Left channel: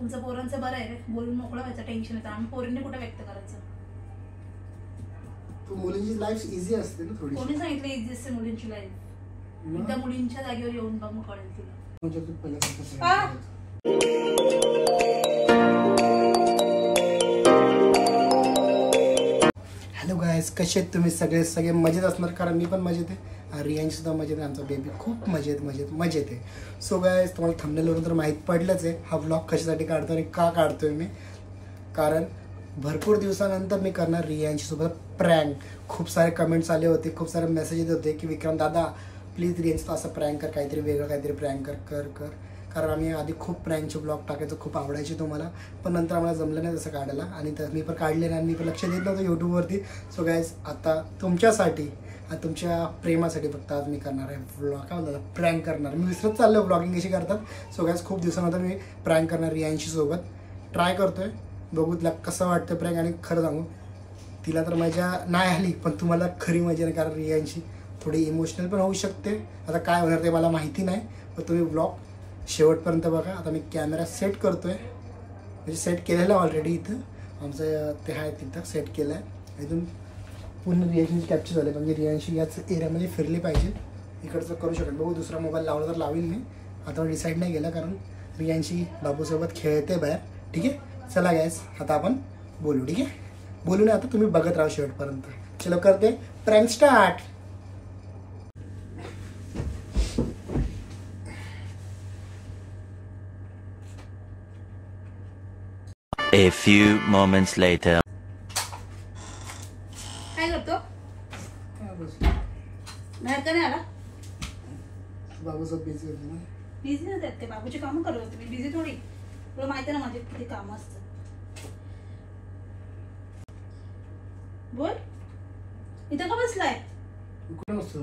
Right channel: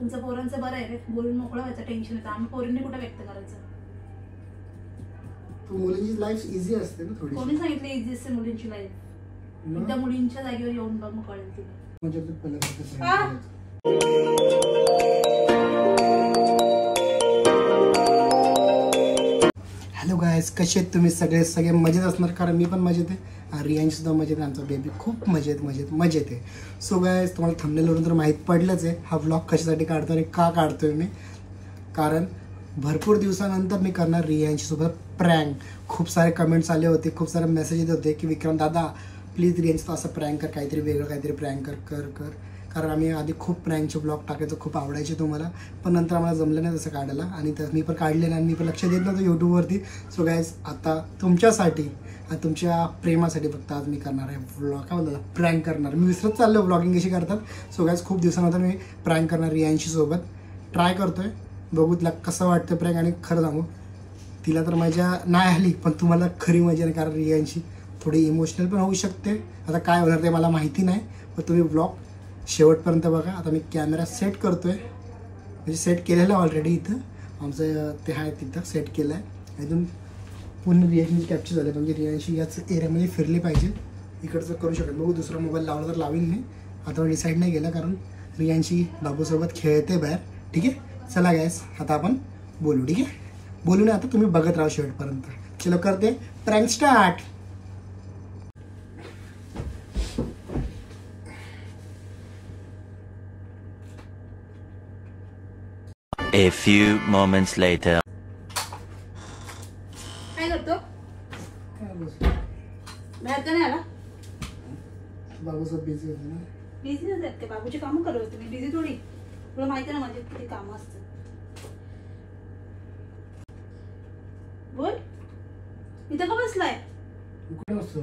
तुमचं पोरांचं बरं आहे रे, बोलून मोकळं व्हायचं, टेन्शन येतं. आम्ही पोरींनी कुठे व्यक्त करायचं? मुलींची लाईफ इझी असते ना थोडी. कोणी सांगितलं इझी असते मुलींची लाईफ? एकदा मुलींच्या जागेवर येऊन बघ, मग कळेल तुला. हॅलो गायस, कसे आहेत तुम्ही? सगळे मजेत असणार, कारण मी पण मजेत आहे, रियांश सुद्धा मजेत आहे, आमचा बेबी खूप मजेत आहे. सो गायस, तुम्हाला थंबनेलवरून तर माहीत पडलंच आहे हा व्लॉग कशासाठी काढतो आणि का काढतोय मी. कारण भरपूर दिवसानंतर मी करणार रियांशीसोबत प्रँक. खूप सारे कमेंट्स आले होते, खूप सारे मेसेज येत होते की विक्रम दादा प्लीज रियांशचं असं प्रँक कर, काहीतरी वेगळं काहीतरी प्रँक कर. कारण आम्ही आधी खूप प्रँकचे ब्लॉग टाकायचो, खूप आवडायचे तुम्हाला, पण नंतर आम्हाला जमलं नाही तसं काढायला, आणि तर मी पण काढले नाही, मी पण लक्ष देत नव्हतं यूट्यूबवरती. सो गायज, आता तुमच्यासाठी आणि तुमच्या प्रेमासाठी फक्त आज मी करणार आहे व्लॉग, काय बोलतात प्रँक करणार. मी विसरत चाललो व्लॉगिंग कशी करतात. सो गायज, खूप दिवसानंतर मी प्रँक करणार रियांशीसोबत, ट्राय करतोय, बघू तिला कसं वाटतं प्रँक. आणि खरं सांगू, तिला तर मजा नाही आली, पण तुम्हाला खरी मजा नाही, कारण रियांशी थोडी इमोशनल पण होऊ शकते. आता काय होणार ते मला माहिती नाही, पण तुम्ही ब्लॉग शेवटपर्यंत बघा. आता मी कॅमेरा सेट करतोय, म्हणजे सेट केलेला ऑलरेडी, इथं आमचं ते आहे, तिथं सेट केलं आहे. इथून पूर्ण रियांशी कॅप्चर झाले, म्हणजे रियांशी याच एरियामध्ये फिरली पाहिजे. इकडचं करू शकत, बघू दुसरा मोबाईल लावला तर लावीन मी, आता डिसाईड नाही केलं, कारण रियांशी बाबूसोबत खेळते बाहेर. ठीक आहे, चला गॅस, आता आपण बोलू. ठीक आहे, बोलू नाही, आता तुम्ही बघत राहा शेवटपर्यंत. चलो करते prank start. A few moments later. काय करतो? बाहेर का नाही आला? बाबूसोबत बिझी होती ना. बिझी होते ते, बाबूची कामं करत होते मी, बिझी थोडी. तुला माहिती आहे ना माझे किती कामं असतात. बोल, इथं का बसलाय? कुठे बसतो?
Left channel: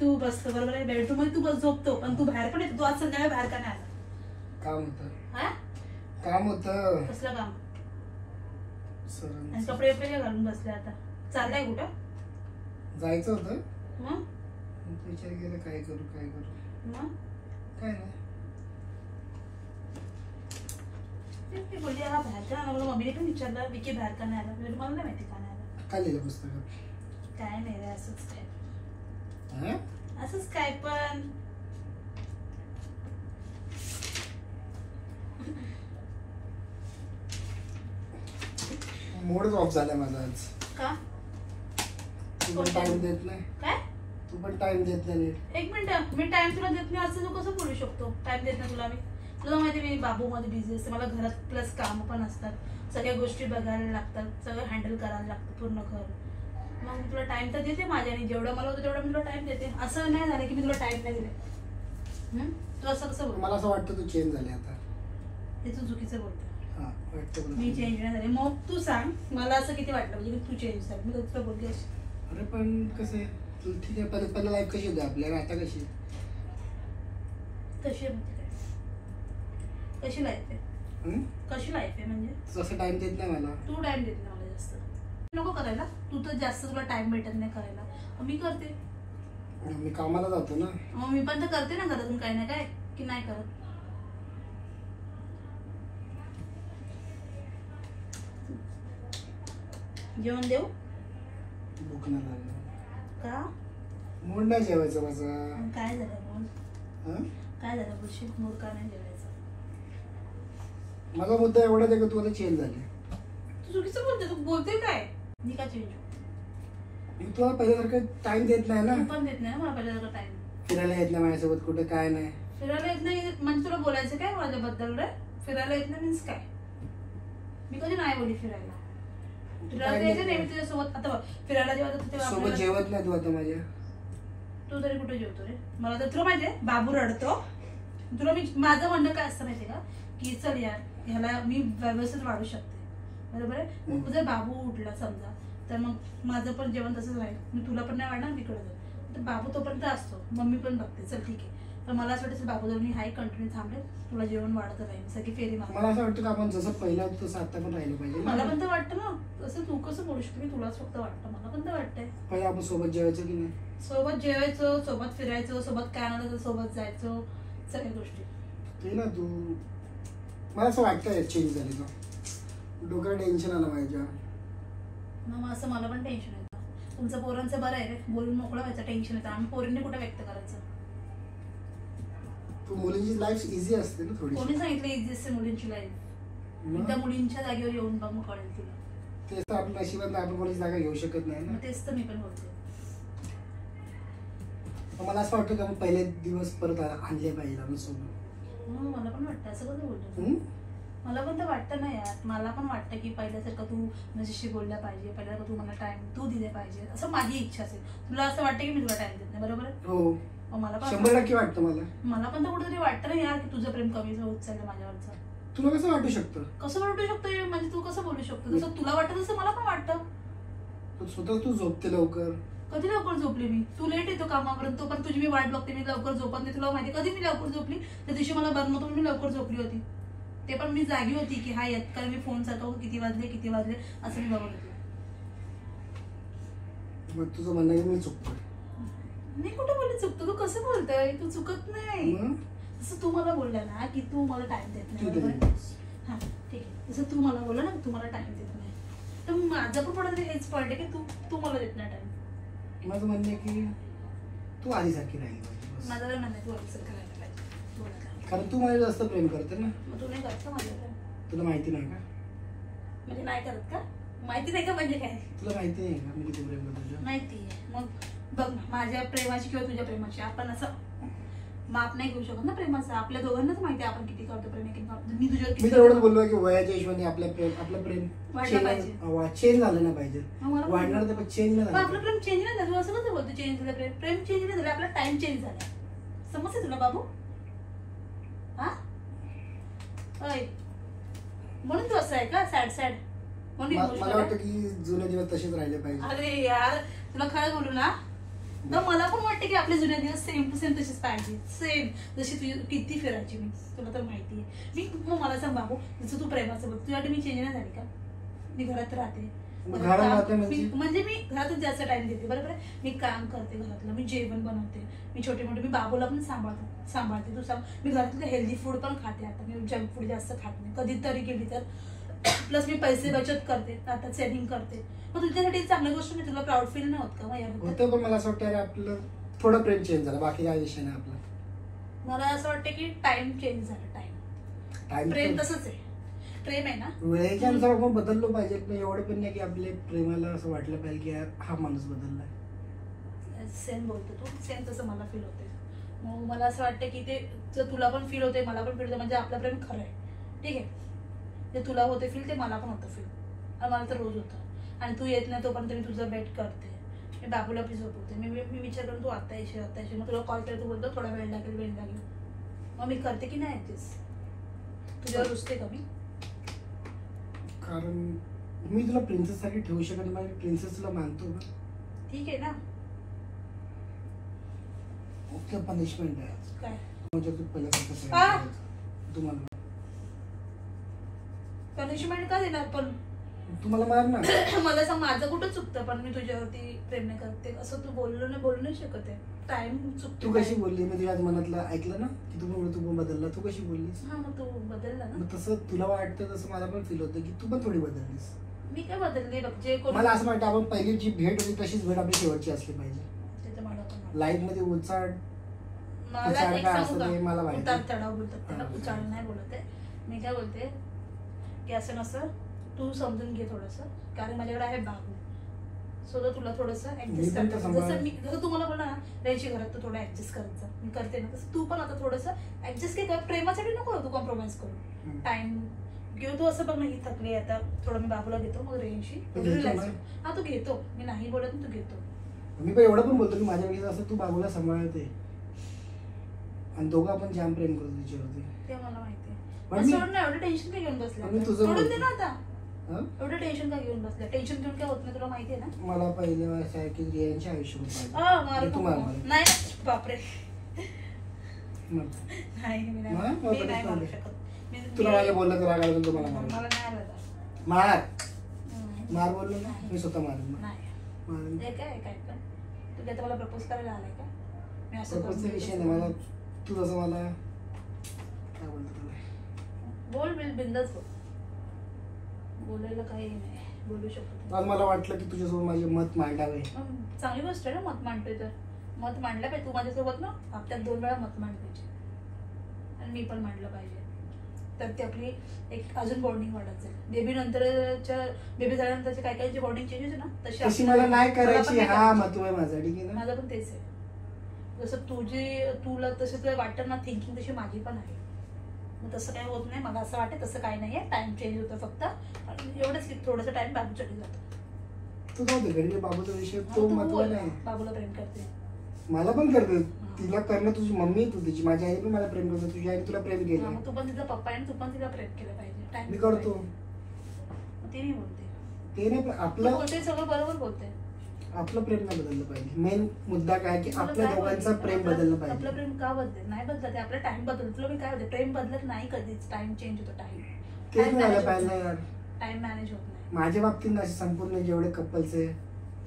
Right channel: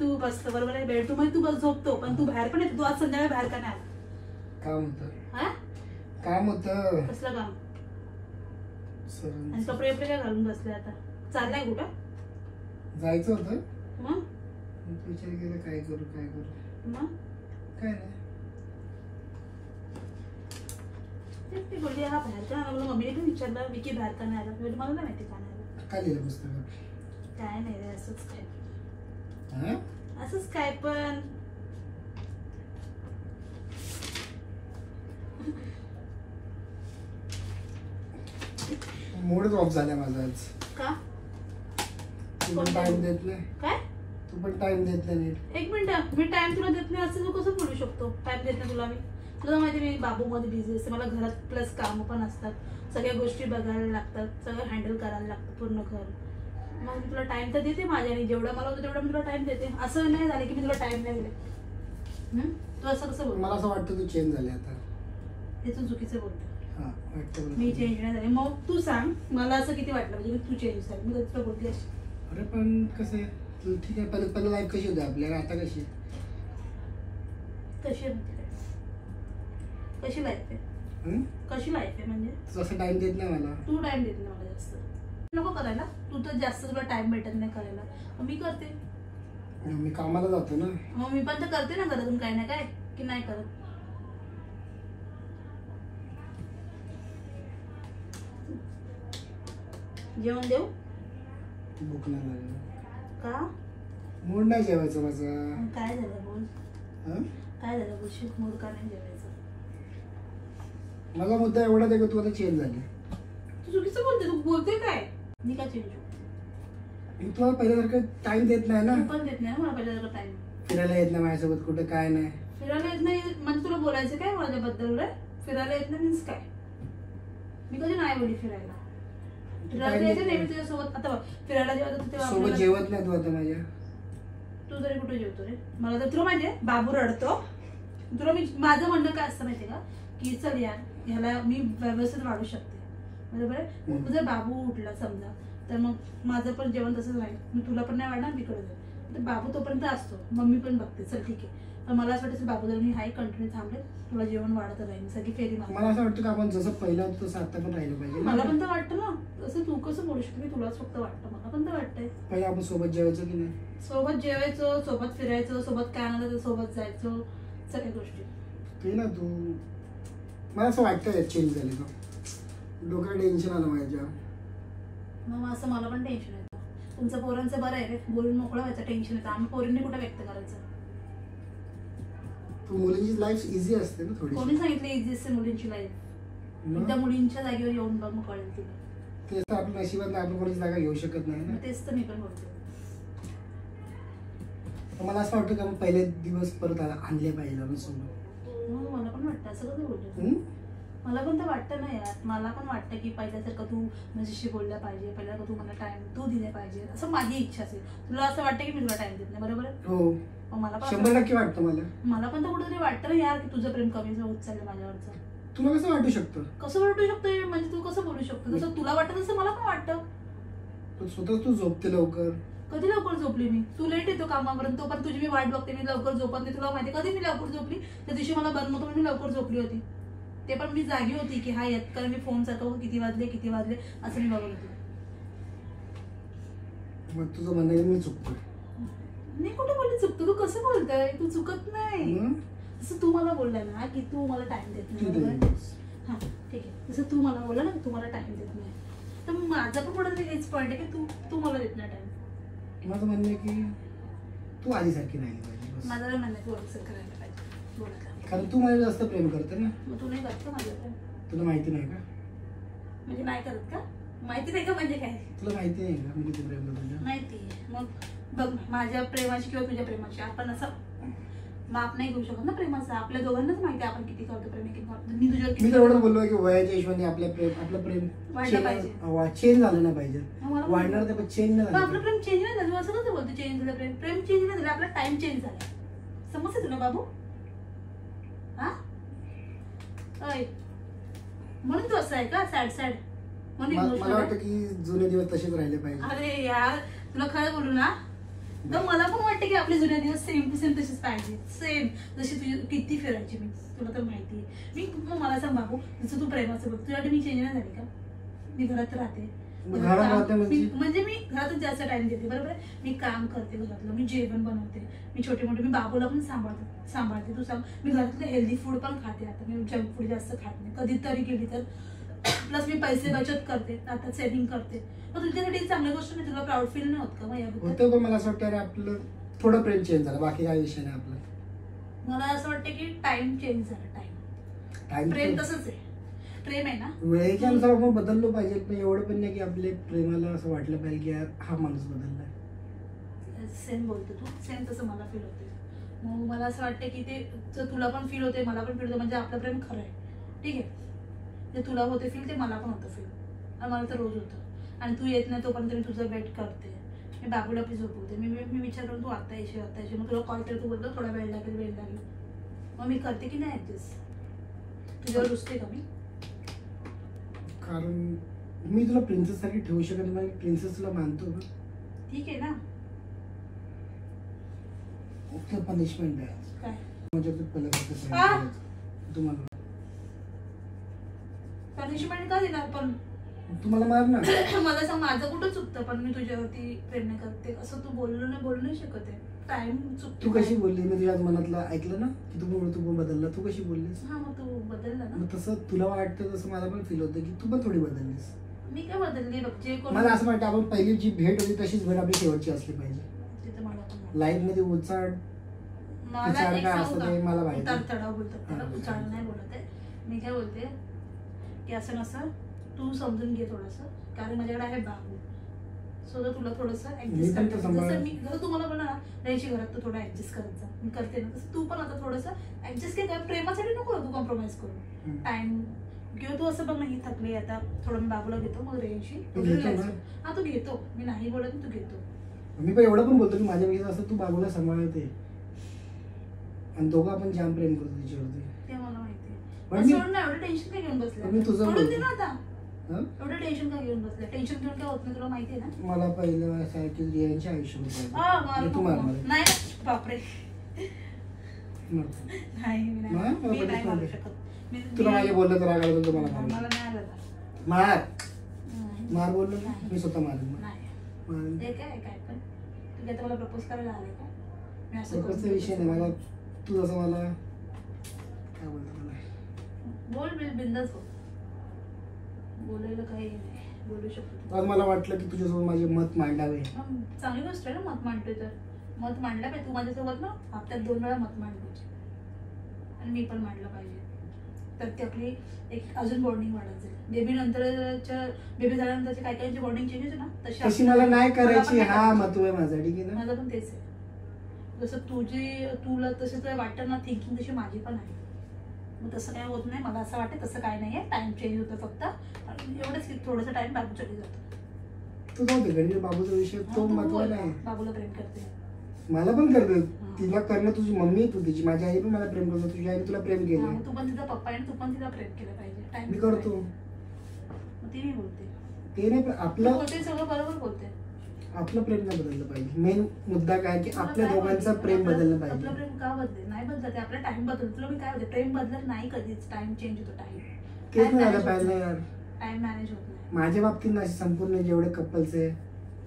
तू बसतो बरोबर आहे, बेडरूम मध्ये तू बस झोपतो, पण तू बाहेर पण येतो. तू आज संध्याकाळी बाहेर का नाही आला? काम होतं. हा, काम होतं. कसलं काम? आणि कपडे बिपडे काय घालून बसले आता? चाललाय कुठं? जायचं होतं, मग विचार केला काय करू. मग काय नाही, ते बोलली हा बाहेर का आला. मला मम्मीने पण विचारलं विकी बाहेर का नाही आला, मला नाही माहिती का नाही आला. काय लिहिलं पुस्तकात? काय नाही रे, असंच काय. हा, असंच काय पण. मूडच ऑफ झाला माझा आज. का? तू पण टाइम देत नाही. काय? तू पण टाइम देत नाही. एक मिनिट, मी टाइम तुला देत नाही असं तू कसं बोलू शकतो? टाइम देत नाही तुला मी? तुला माहिती मी बाबू मध्ये बिझी असते, मला घरात प्लस काम पण असतात, सगळ्या गोष्टी बघायला लागतात, सगळं हँडल करायला लागतं पूर्ण घर. मग तुला टाइम तर देते माझ्याने, जेवढं मला होतं तेवढं मी तुला टाइम देते. असं नाही झालं की मी तुला टाइम नाही दिले. तू असं कसं बोल? मला असं वाटतं तू चेंज झाले आता. हे तू चुकीचं बोलतो. मी चेंज नाही झाले. मग तू सांग मला असं किती वाटलं म्हणजे तू चेंज झाली? मी तुला बोलते अशी. अरे पण कसं आहे, तू ठीक आहे, पहिलं लाईफ कशी होती आपल्याला, आता कशी कशी लाईफ आहे? कशी लाईफ आहे म्हणजे? तसं टाइम देत नाही मला. तू टाइम देत नाही मला जास्त. नको करायला, तू तर जास्त तुला टाइम भेटत नाही करायला. मी करते, मी कामाला जातो ना. मग मी पण तर करते ना घरातून काय ना काय, की नाही करत? जेवण देऊ? भूक नाही लागली. का? मूड नाही जेवायचं माझं. काय झालं बोल? काय झालं बोलशील? मूड का नाही जेवायचं? माझा मुद्दा एवढाच आहे की तू आता चेंज झाली. तू चुकीचं बोलते. तू बोलते काय? मी का चेंज होऊ? मी तुला पहिल्यासारखं टाइम देत नाही ना. तू पण देत नाही मला पहिल्यासारखं टाइम. फिरायला येत नाही माझ्यासोबत, कुठे काय नाही. फिरायला येत नाही म्हणजे तुला बोलायचं काय माझ्याबद्दल रे? फिरायला येत नाही मीन्स काय? मी कधी नाही बोलली फिरायला. फिरायला यायचं नाही तुझ्यासोबत. आता फिरायला जेव्हा सोबत जेवत नाही तू आता माझ्या. तू तरी कुठे जेवतो रे? मला तर तुला माहितीये बाबू रडतो. तुला मी माझं म्हणणं काय असतं माहितीये का, की चल यार ह्याला मी व्यवस्थित वाढू शकते, बरोबर आहे. जर बाबू उठला समजा तर मग माझं पण जेवण तसंच राहील, मी तुला पण नाही वाढणार, तिकडे जाईल. तर बाबू तोपर्यंत असतो, मम्मी पण बघते, चल ठीक आहे. तर मला असं वाटतं बाबू जर मी हाय कंटिन्यू थांबेल, तुला जेवण वाढत राहील, सगळी फेरी मार. मला असं वाटतं की आपण जसं पहिला होतं तसं आता पण राहिलं पाहिजे. मला पण तर वाटतं ना. असं तू कसं बोलू शकतो? मी तुलाच फक्त वाटतं, मला पण तर वाटतंय. पहिले आपण सोबत जेवायचं की नाही? सोबत जेवायचं, सोबत फिरायचं, सोबत काय आणायचं सोबत जायचं, सगळ्या गोष्टी. ते ना तू मला असं वाटतं चेंज झाली तो. डोक्याला टेन्शन आलं माझ्या. मग असं मला पण टेन्शन येतं. तुमचं पोरांचं बरं आहे रे, बोलून मोकळं व्हायचं टेन्शन येतं. आम्ही पोरींनी कुठे व्यक्त करायचं. मुलींची लाईफ इझी असते ना थोडी. कोणी सांगितलं इझी असते मुलींची लाईफ? एकदा मुलींच्या जागेवर येऊन बघ, मग कळेल तुला. तेच तर आपल्या नशिबात आपण कोणाची जागा घेऊ शकत नाही ना. तेच तर मी पण बोलते. मला असं वाटतं की आपण पहिले दिवस परत आणले पाहिजे आम्ही सोबत. मला पण वाटतं असं कसं बोलतो. मला पण तर वाटतं ना यार. मला पण वाटतं की पहिल्यासारखं तू माझ्याशी बोलला पाहिजे, पहिल्यासारखं तू मला टाइम तू दिले पाहिजे, असं माझी इच्छा असेल. तुला असं वाटतं की मी तुला टाइम देत नाही, बरोबर आहे? हो, मला पण 100% वाटतं. मला पण तर कुठेतरी वाटतं ना यार की तुझं प्रेम कमी होत चाललं माझ्यावरचं. तुला कसं वाटू शकतं? कसं वाटू शकतं म्हणजे तू कसं बोलू शकतो? जसं तुला वाटतं तसं मला पण वाटतं. स्वतः तू झोपते लवकर. कधी लवकर झोपली मी? तू लेट येतो कामावरून, तो पण तुझी मी वाट बघते, मी लवकर झोपत नाही. तुला माहिती कधी मी लवकर झोपली? त्या दिवशी मला बरं नव्हतं, मी लवकर झोपली होती. ते पण मी जागी होती की हा येत कारण मी फोन चालतो, किती वाजले असं मी बघत होते. मग तुझं म्हणणं आहे मी चुकतो? मी कुठे बोलले चुकतो? तू कसं बोलताय? तू चुकत नाही. जसं तू मला बोलला ना की तू मला टाइम देत नाही, बरोबर? हा ठीक आहे. जसं तू मला बोलला ना की तू मला टाइम देत नाही, तर माझं पण कुठेतरी हेच पडलं की तू मला देत नाही टाइम. माझं म्हणणं आहे की तू आधीसारखी राहिली पाहिजे. माझं म्हणणं आहे तू असं करायला पाहिजे, कारण तू मला जास्त प्रेम करते ना. मग तू नाही करत का माझं प्रेम? तुला माहिती नाही का? म्हणजे नाही करत का? माहिती नाही का म्हणजे काय? तुला माहिती आहे का मी किती प्रेम करतो? माहिती आहे. मग बघ ना, माझ्या प्रेमाची किंवा तुझ्या प्रेमाची आपण असं माप नाही घेऊ शकत ना प्रेमाचं. आपल्या दोघांनाच माहिती आहे आपण किती करतो प्रेम. मी तुझ्यावर मी तेवढंच बोललो की वयाच्या हिशोबाने आपलं प्रेम चेंज झालं नाही पाहिजे. वाढणार तर चेंज नाही झालं. आपलं प्रेम चेंज नाही झालं असं कसं बोलतो? चेंज झालं प्रेम चेंज नाही झालं, आपला टाइम चेंज झाला. समजतं तुला बाबू? हा म्हणून तू असं आहे का सॅड? मला वाटतं की जुने दिवस तसेच राहिले पाहिजे. अरे यार तुला खरं बोलू ना, तर मला पण वाटतं की आपले जुने दिवस सेम टू सेम तसेच पाहिजे. सेम जशी तुझी किती फिरायची मी, तुला तर माहिती आहे. मग मला सांग बाबू, जसं तू प्रेमाचं बघ, तुझ्यासाठी मी चेंज नाही झाली का? मी घरात राहते म्हणजे मी घरातच जास्त टाइम देते, बरोबर आहे? मी काम करते घरातलं, मी जेवण बनवते, मी छोटे मोठे, मी बाबूला पण सांभाळते. तू सांग, मी घरातलं हेल्दी फूड पण खाते. आता मी जंक फूड जास्त खात नाही कधीतरी गेली तर. प्लस मी पैसे बचत करते, आता सेव्हिंग करते. मग तुझ्यासाठी चांगली गोष्ट नाही? तुला प्राऊड फील नाही होत का याबद्दल? पण मला असं वाटतं आपलं थोडं प्रेम चेंज झालं, बाकी काही विषय नाही आपलं. मला असं वाटतं की टाइम चेंज झाला. टाइम प्रेम तसंच आहे, प्रेम आहे ना. वेळेच्या अनुसार आपण बदललो पाहिजे, पण एवढं पण नाही की आपले प्रेमाला असं वाटलं पाहिजे की यार हा माणूस बदललाय. सेम बोलतो तू, सेम तसं मला फील होते. मग मला असं वाटतं की ते जर तुला पण फील होते, मला पण फील होते, म्हणजे आपलं प्रेम खरं आहे. ठीक आहे, जे तुला होते फील ते मला पण होतं फील, आणि मला तर रोज होतं. आणि तू येत नाही तोपर्यंत मी तुझं वेट करते, मी बाबूला आपली झोपवते. मी विचार करून तू आता येशील, मग तुला कॉल केला, तू बोलतो थोडा वेळ लागेल. मग मी करते की नाही ऍडजस्ट? तुझ्यावर रुसते का मी? कारण मी तुला प्रिन्सेस सारखी ठेवू शकत नाही. प्रिन्सेस तुला मानतो ना. ठीक आहे ना. ओके, पनिशमेंट आहे काय म्हणजे तुम्हाला पनिशमेंट का देणार? पण तुम्हाला मार ना. मला सांग, माझं कुठं चुकतं? पण मी तुझ्यावरती प्रेम नाही करते असं तू बोलू नाही शकत आहे. टाइम चुकतो. तू कशी बोलली? मी तुझ्या मनातलं ऐकलं ना की तू बदलला. तू कशी बोललीस? हा, मग तू बदलला ना. तसं तुला वाटतं तसं मला पण फील होतं की तू पण थोडी बदललीस. मी काय बदलली बघ? जे मला असं वाटतं आपण पहिली जी भेट होती तशीच भेट आपली शेवटची असली पाहिजे. लाईफ मध्ये उचाड काय असतं ते मला माहिती. चढाव बोलतात त्याला, उचाड नाही बोलत आहे. मी काय बोलते की असं नसं तू समजून घे थोडंसं, कारण माझ्याकडे आहे बाबू. सो तुला थोडंसं ऍडजस्ट करते. जसं तुम्हाला बोलला ना त्यांची घरात, तू थोडं ऍडजस्ट करत जा. मी करते ना तसं तू पण आता थोडंसं ऍडजस्ट कर. प्रेमासाठी नको तू कॉम्प्रोमाइज करू. टाइम घेऊ तू. असं बघ ना, ही थकली आता, थोडं मी बाबूला घेतो, मग रेंशी हा तू घेतो. मी नाही बोलत, तू घेतो. मी पण एवढं पण बोलतो की माझ्या वेळेस असं तू बाबूला सांभाळते, आणि दोघं आपण जाम प्रेम करतो तिच्यावरती. ते मला माहिती पण आहे. एवढं टेन्शन काय घेऊन बसलं? तुझं दे ना आता. एवढं टेन्शन का घेऊन बसलं? टेन्शन घेऊन काय होत नाही, तुला माहिती आहे ना. मला पहिलं असं आहे की रियांच्या आयुष्यामध्ये नाही बापरे, नाही मी नाही मारू शकत. तुला माझ्या बोललं तुला काय बोलतो मला मला नाही आलं. मार बोललो ना मी स्वतः मारेन. नाही काय पण तू आता मला प्रपोज करायला आलाय का? मी असं प्रपोजचा विषय नाही. मला तू जसं मला काय बोलतो तुला बोल बिंदास बोल, बोलायला काही नाही, बोलू शकतो. आज मला वाटलं की तुझ्यासोबत माझे मत मांडावे. चांगली गोष्ट आहे ना मत मांडतोय तर. मत मांडलं पाहिजे तू माझ्यासोबत ना, हप्त्यात 2 वेळा मत मांडलं पाहिजे आणि मी पण मांडलं पाहिजे. तर ती आपली एक अजून बॉन्डिंग वाढत जाईल. बेबी झाल्यानंतरची काय काय जी बॉन्डिंग चेंज होते ना तशी मला नाही करायची. हा मत आहे माझा, ठीक आहे ना. माझं पण तेच आहे. जसं तुला तसं तुला वाटतं ना, थिंकिंग तशी माझी पण आहे. मग तसं काय होत नाही. मला असं वाटतं तसं काय नाहीये, टाइम चेंज होतं फक्त एवढंच की थोडंसं टाइम बाबूसाठी जातो. तू जाऊ दे घरी, बाबूचा विषय तो महत्व नाही. बाबूला प्रेम करते, मला पण करते. तिला करणं तुझी मम्मी, तू तिची, माझी आई पण मला प्रेम करतो, तुझी आई तुला प्रेम केलं. तू पण तिचा पप्पा आहे, तू पण तिला प्रेम केलं पाहिजे. टाइम मी करतो ते मी बोलते, ते नाही. पण आपलं बोलते सगळं बरोबर बोलते. आपलं प्रेम का बदललं पाहिजे. मेन मुद्दा काय की आपल्या दोघांचं प्रेम बदललं पाहिजे. आपलं प्रेम का बदलेल? नाही बदलत, आपला टाइम बदलतो. तुला मी काय होते, प्रेम बदलत नाही कधीच. टाइम चेंज होतो. तेच नाही झालं पाहिजे यार. टाइम मॅनेज होत नाही. माझ्या बाबतीत असे संपूर्ण जेवढे कपल्स आहे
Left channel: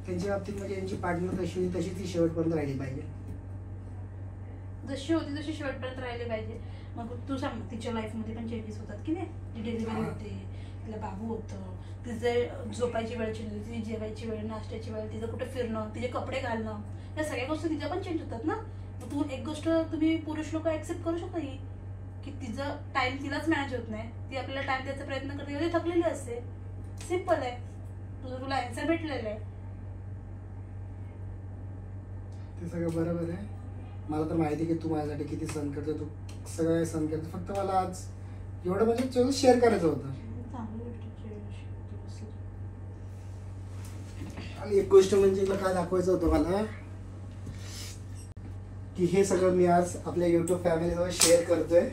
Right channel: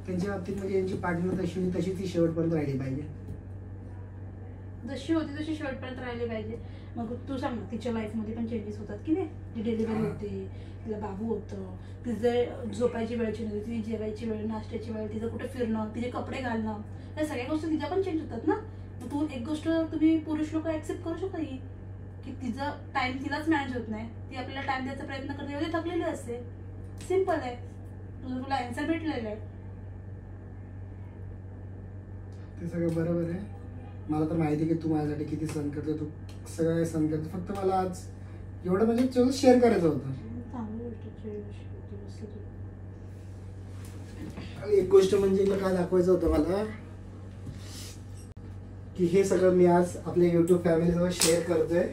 त्यांच्या बाबतीत म्हणजे त्यांची पार्टनर तशीच ती शेवटपर्यंत राहिली पाहिजे. जशी होती तशी शेवटपर्यंत राहिली पाहिजे. मग तू सांग ना, तिच्या लाईफमध्ये पण चेंजेस होतात की नाही. ती डिलिव्हरी होते, तिला बाबू होतं, तिचे झोपायची वेळ चेंज होती, तिची जेवायची वेळ, नाश्त्याची वेळ, तिचं कुठे फिरणं, तिचे कपडे घालणं, या सगळ्या गोष्टी तिच्या पण चेंज होतात ना. मग तू एक गोष्ट तुम्ही पुरुष लोक ऍक्सेप्ट करू शकता की तिचा टाइम तिलाच मॅनेज होत नाही. ती आपल्याला टाइम द्यायचा प्रयत्न करते, एवढी थकलेली असते. सिम्पल आहे. तुला आन्सर भेटलेलं आहे. ते सगळं बरोबर आहे. मला तर माहिती आहे की तू माझ्यासाठी किती सहन करतो, तू सगळं सहन करतो. फक्त मला आज एवढं म्हणजे शेअर करायचं होतं. आणि एक गोष्ट म्हणजे काय दाखवायचं होतं मला की हे सगळं मी आज आपल्या युट्यूब फॅमिलीसोबत शेअर करतोय.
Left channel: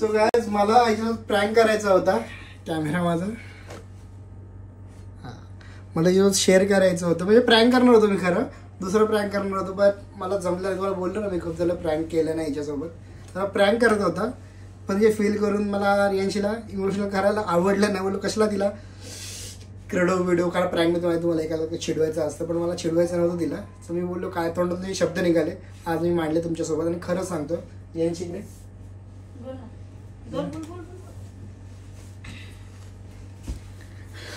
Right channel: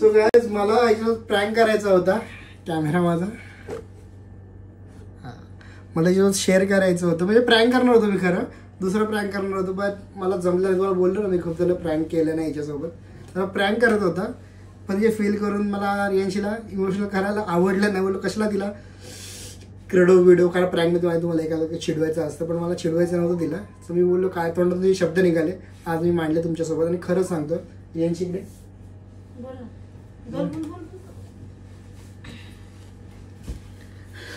सो गाइस, मला याच्यात प्रँक करायचा होता. कॅमेरा माझा, हा, मला याच्यात शेअर करायचं होतं. म्हणजे प्रँक करणार होतो मी, खरं दुसरं प्रँक करणार होतो, बट मला जमलं. तुम्हाला बोललो ना मी खूप त्याला प्रँक केलं नाही याच्यासोबत. मला प्रँक करत होता, पण जे फील करून मला रियांशीला इमोशनल करायला आवडलं नाही. बोललो कशाला तिला व्हिडिओ काय प्रँकमध्ये माहिती तुम्हाला एखादा चिडवायचं असतं, पण मला चिडवायचं नव्हतं तिला. तर मी बोललो काय तोंडात तुझे शब्द निघाले, आज मी मांडले तुमच्यासोबत. आणि खरं सांगतो रियांशी इकडे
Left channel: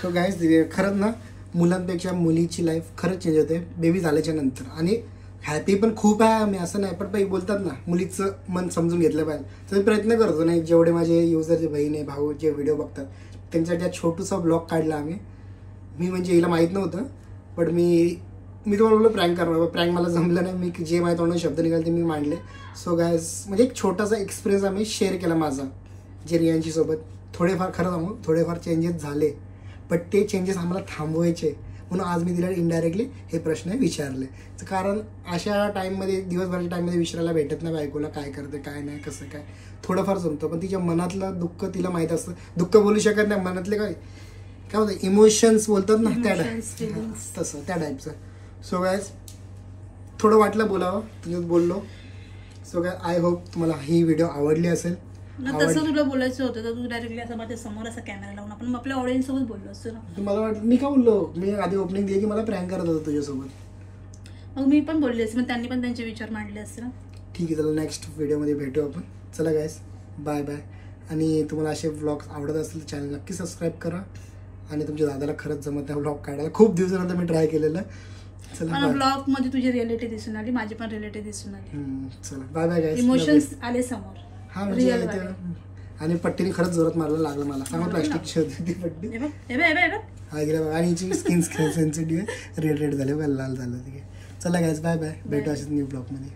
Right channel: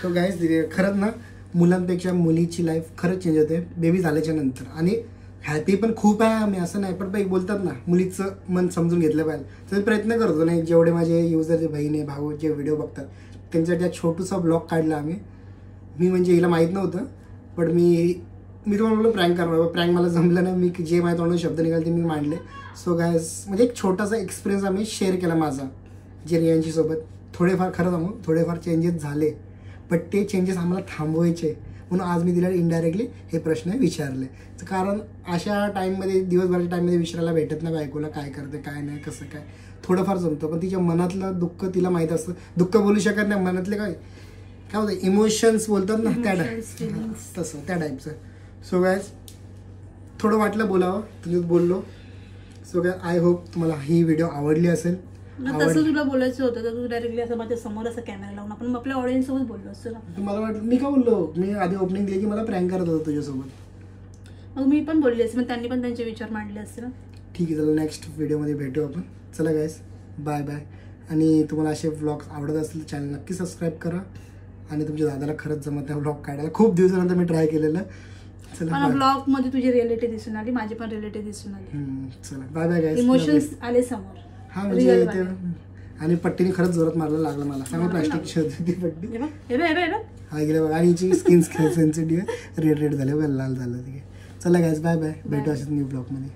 गाईस, खरंच ना मुलांपेक्षा मुलीची लाईफ खरंच चेंज होते बेबी झाल्याच्या नंतर. आणि हॅपी पण खूप आहे आम्ही, असं नाही. पण काही बोलतात ना मुलीचं मन समजून घेतलं पाहिजे, तर मी प्रयत्न करतो. नाही जेवढे माझे युजर, जे बहीण आहे, भाऊ जे व्हिडिओ बघतात त्यांच्यासाठी छोटूसा ब्लॉग काढला आम्ही. मी म्हणजे हिला माहीत नव्हतं, पण मी तुम्हाला बोललो प्रँक करणार. प्रँक मला जमलं नाही. मी जे माझ्या तोंडात शब्द निघाले ते मी मांडले. सो गाईस, म्हणजे एक छोटासा एक्सपिरियन्स आम्ही शेअर केला माझा जे रियांशी सोबत. थोडेफार खरं सांगू, थोडेफार चेंजेस झाले, पण ते चेंजेस आम्हाला थांबवायचे. म्हणून आज मी तिला इनडायरेक्टली हे प्रश्न विचारले. कारण अशा टाईममध्ये, दिवसभराच्या टाईममध्ये विचारायला भेटत नाही बायकोला काय करते काय नाही, कसं काय. थोडंफार जमतं, पण तिच्या मनातलं दुःख तिला माहीत असतं. दुःख बोलू शकत नाही, मनातले काय होतं इमोशन्स बोलतात ना, तसं त्या टाईपचं. सो गाईज, थोडं वाटलं बोलावं, तुम्ही बोललो. सो गाईज, आय होप तुम्हाला ही व्हिडिओ आवडली असेल. तसं तुला बोलायचं होतं तर तू डायरेक्टली असं माझ्या समोर असं कॅमेरा लावून आपण आपल्या ऑडियन्स सोबत बोललो असतो ना. मला वाटलं मी काय बोललो, मी आधी ओपनिंग दिली की मला प्रँक करत होतो तुझ्यासोबत. मग मी पण बोलली असते, मग त्यांनी पण त्यांचे विचार मांडले असते ना. ठीक आहे, चला नेक्स्ट व्हिडिओमध्ये भेटू आपण. चला गाईस, बाय बाय. आणि तुम्हाला असे व्लॉग्स आवडत असतील तर चॅनल नक्की सबस्क्राईब करा. आणि तुमच्या दादाला खरंच जमत नाही व्लॉग काढायला, खूप दिवसानंतर मी ट्राय केलेलं. चला, ब्लॉग मध्ये तुझी रिअलिटी दिसून आली, माझी पण रिअलिटी दिसून आली. चला बाय बाय गाईस. इमोशन्स आले समोर. हा म्हणजे आणि पट्टीने खरंच जोरात मारायला लागलं मला. सांगा प्लास्टिकची होती ती पट्टी. हा गेला बघा. आणि हिची स्किन सेन्सिटिव्ह आहे, रेड झाले, लाल झालं. चला गाईस, बाय बाय. भेटू असेच न्यू ब्लॉगमध्ये.